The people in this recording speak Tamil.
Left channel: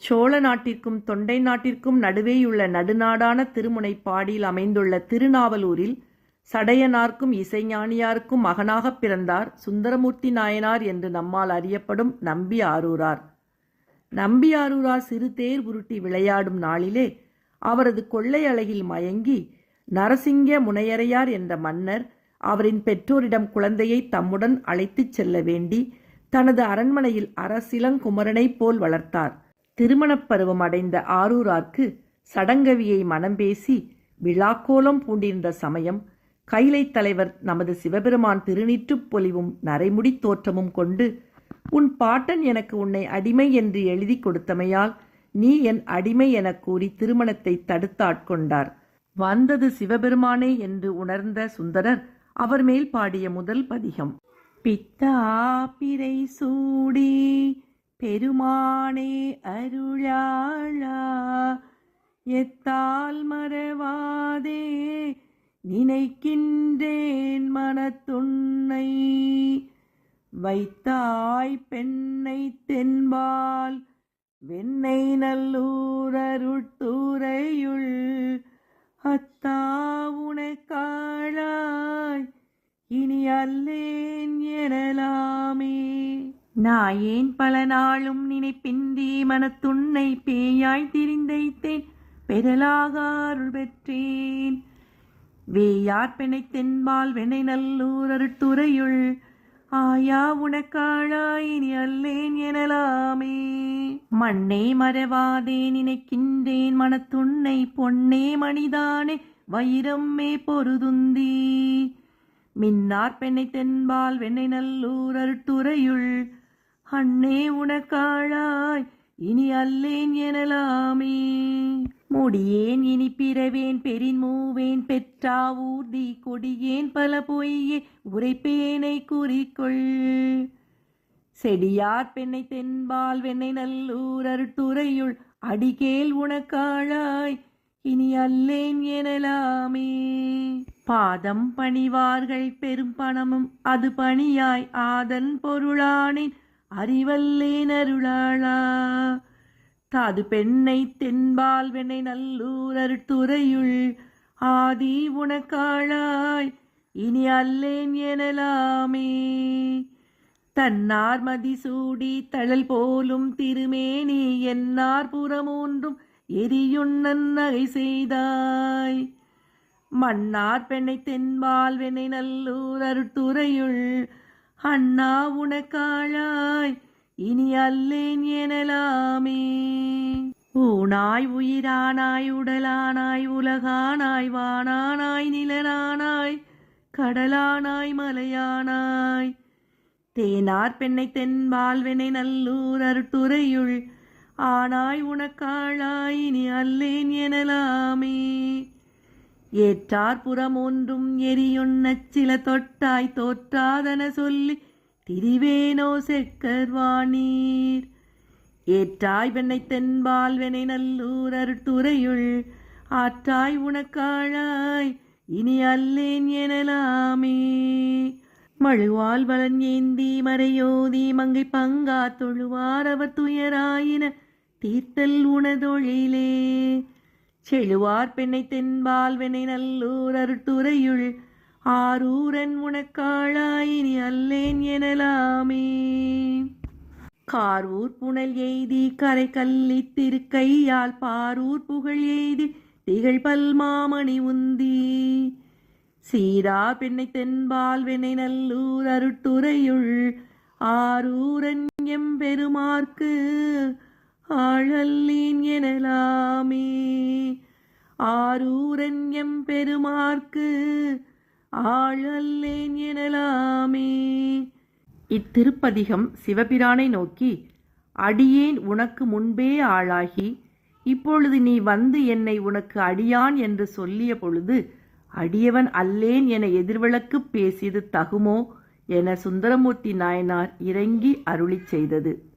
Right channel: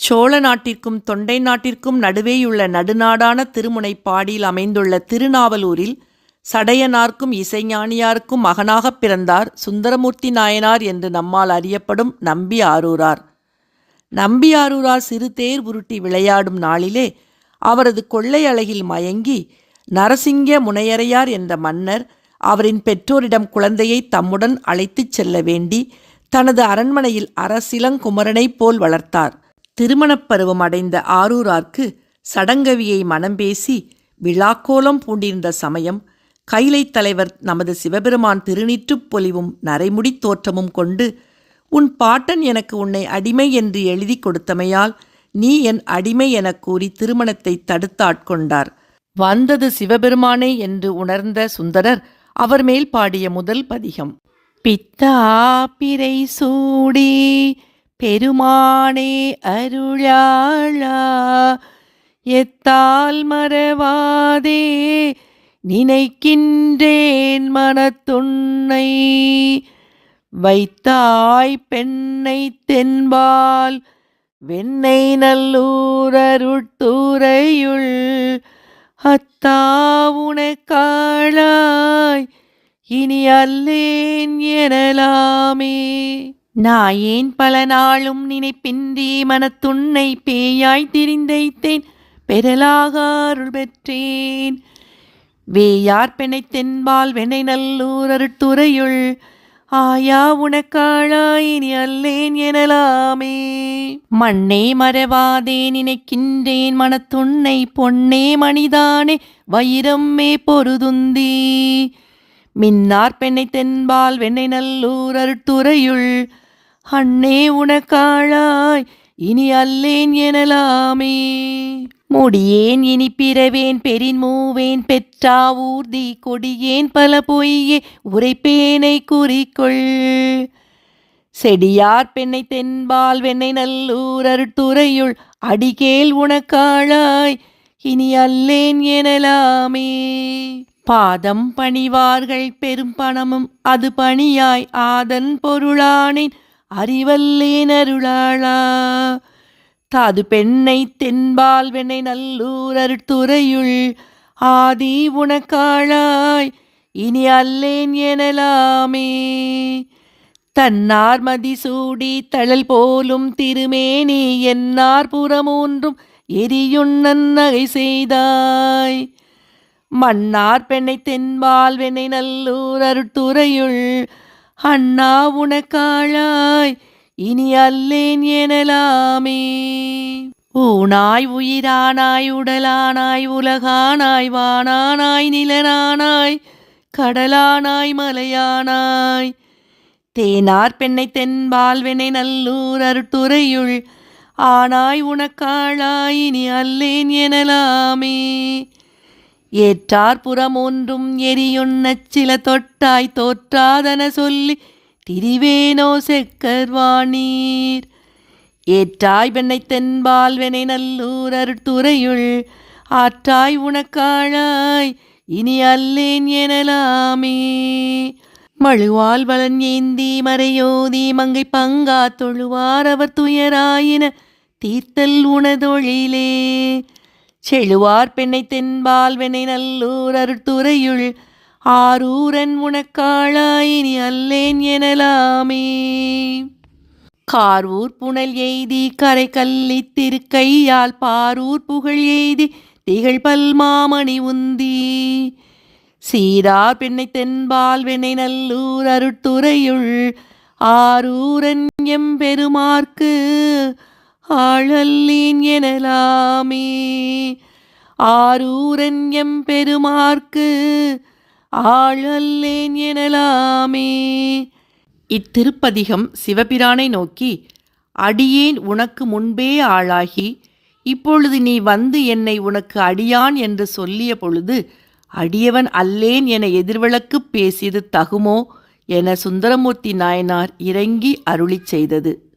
சோழ நாட்டிற்கும் தொண்டை நாட்டிற்கும் நடுவேயுள்ள நடுநாடான திருமுனைப்பாடியில் அமைந்துள்ள திருநாவலூரில் சடையனார்க்கும் இசைஞானியாருக்கும் மகனாகப் பிறந்தார் சுந்தரமூர்த்தி நாயனார் என்று நம்மால் அறியப்படும் நம்பி ஆரூரார். நம்பி ஆரூரார் சிறு தேர் உருட்டி விளையாடும் நாளிலே அவரது கொள்ளை அழகில் மயங்கி நரசிங்க முனையரையார் என்ற மன்னர் அவரின் பெற்றோரிடம் குழந்தையை தம்முடன் அழைத்துச் செல்ல வேண்டி தனது அரண்மனையில் அரசிலங்குமரனைப் போல் வளர்த்தார். திருமணப் பருவம் அடைந்த ஆரூரார்க்கு சடங்கவியை மனம் பேசி விழாக்கோலம் பூண்டிருந்த சமயம் கைலைத் தலைவர் நமது சிவபெருமான் திருநீற்றுப் பொலிவும் நரைமுடி தோற்றமும் கொண்டு, உன் பாட்டன் எனக்கு உன்னை அடிமை என்று எழுதி கொடுத்தமையால் நீ என் அடிமை எனக் கூறி திருமணத்தை தடுத்தாட்கொண்டார். வந்தது சிவபெருமானே என்று உணர்ந்த சுந்தரர் அவர் மேல் பாடிய முதல் பதிகம். பித்தா பிறை சூடி பெருமானே அருளாளா, எத்தால் மறவாதே நினைக்கின்றேன் மனத்துன்னை, வைத்தாய் பெண்ணை தென்பால் வெண்ணை நல்லூர் அருட்துறையுள், அத்தா உனக்காளாய் இனி அல்லேன் எனலாமே. நாயேன் பல நாளும் நினைப்பின்றி மனத்துன்னை பேயாய் திரிந்தைத்தேன் பெறலாக அருள் பெற்றேன், வேயார் பெண்ணை தென்பால் வெண்ணை நல்லூர் அருட்துறையுள், ஆயா உனக்காளாய் இனி அல்லேன் எனலாமே. மண்ணே மறவாதே நினைக்கின்றேன் மனத்துன்னை, பொன்னே மணிதானே வைரம்மே பொருதுந்தி, மின்னார் பெண்ணை தென்பால் வெண்ணை நல்லூர் அருட்துறையுள், அண்ணே உனக்காளாய் இனி அல்லேன் எனலாமே. முடியேன் இனி பிறவேன் பெரின் மூவேன் பெற்றா ஊர்தி, கொடியேன் பல பொய்யே உரைப்பேனை குறிக்கொள், செடியார் பெண்ணை தென்பால் வெண்ணை நல்லூர் அருட்துறையுள், அடிகேள் உனக்காளாய் இனி அல்லேன் எனலாமே. பாதம் பணிவார்கள் பெரும் பணமும் அது பணியாய், ஆதன் பொருளானேன் அறிவல்லேன் அருளாளா, தாது பெண்ணை தென்பால் வெண்ணை நல்லூர் அருட்துறையுள், ஆதி உனக்காளாய் இனி அல்லேன் எனலாமே. தன்னார் மதிசூடி தழல் போலும் திருமேனி, என்னார் புறமூன்றும் எரியுண்ணன் நகை செய்தாய், மன்னார் பெண்ணை தென்பால் வெண்ணை நல்லூர் அருட்துறையுள், அண்ணா உனக்காளாய் இனி அல்லேன் எனலாமே. ஊனாய் உயிரானாய் உடலானாய் உலகானாய் வானானாய் நிலனானாய் கடலானாய் மலையானாய், தேனார் பெண்ணை தென்பால் வெண்ணை நல்லூர் அருட்துறையுள், ஆனாய் உனக்காளாய் இனி அல்லேன் எனலாமே. ஏற்றார் புறம் ஒன்றும் எரியுண்ணச் சில தொட்டாய் தோற்றாதன சொல்லி திரிவேனோ செக்கர்வாணீர், ஏற்றாய் பெண்ணை தென்பால் வெண்ணை நல்லூர் அருட்துறையுள், ஆற்றாய் உனக்காளாய் இனி அல்லேன் எனலாமே. மழுவால் வலன் ஏந்தி மறையோதி மங்கை பங்கா தொழுவார் அவர் துயராயின தீர்த்தல் உனதொழிலே, செழுவார் பெண்ணை தென்பால் வெண்ணை நல்லூர் அருட்துறையுள், ஆரூரன் உனக்காளாய் இனி அல்லேன் எனலாமே. காரூர் புனல் எய்தி கரை கல்லி திருக்கையால், பாரூர் புகழ் எய்தி திகழ் பல்மாமணி உந்தி, சீரார் பெண்ணை தென்பால் வெண்ணை நல்லூர் அருட்துறையுள், ஆரூரன் எம்பெருமார்க்கு ஆளல்லேன் எனலாமே. ஆரூரன் எம்பெருமார்க்கு ஆளல்லேன் எனலாமே. இத்திருப்பதிகம் சிவபிரானை நோக்கி, அடியேன் உனக்கு முன்பே ஆளாகி இப்பொழுது நீ வந்து என்னை உனக்கு அடியான் என்று சொல்லிய பொழுது அடியவன் அல்லேன் என எதிர்விளக்குப் பேசியது தகுமோ என சுந்தரமூர்த்தி நாயனார் இறங்கி அருளிச் செய்தது.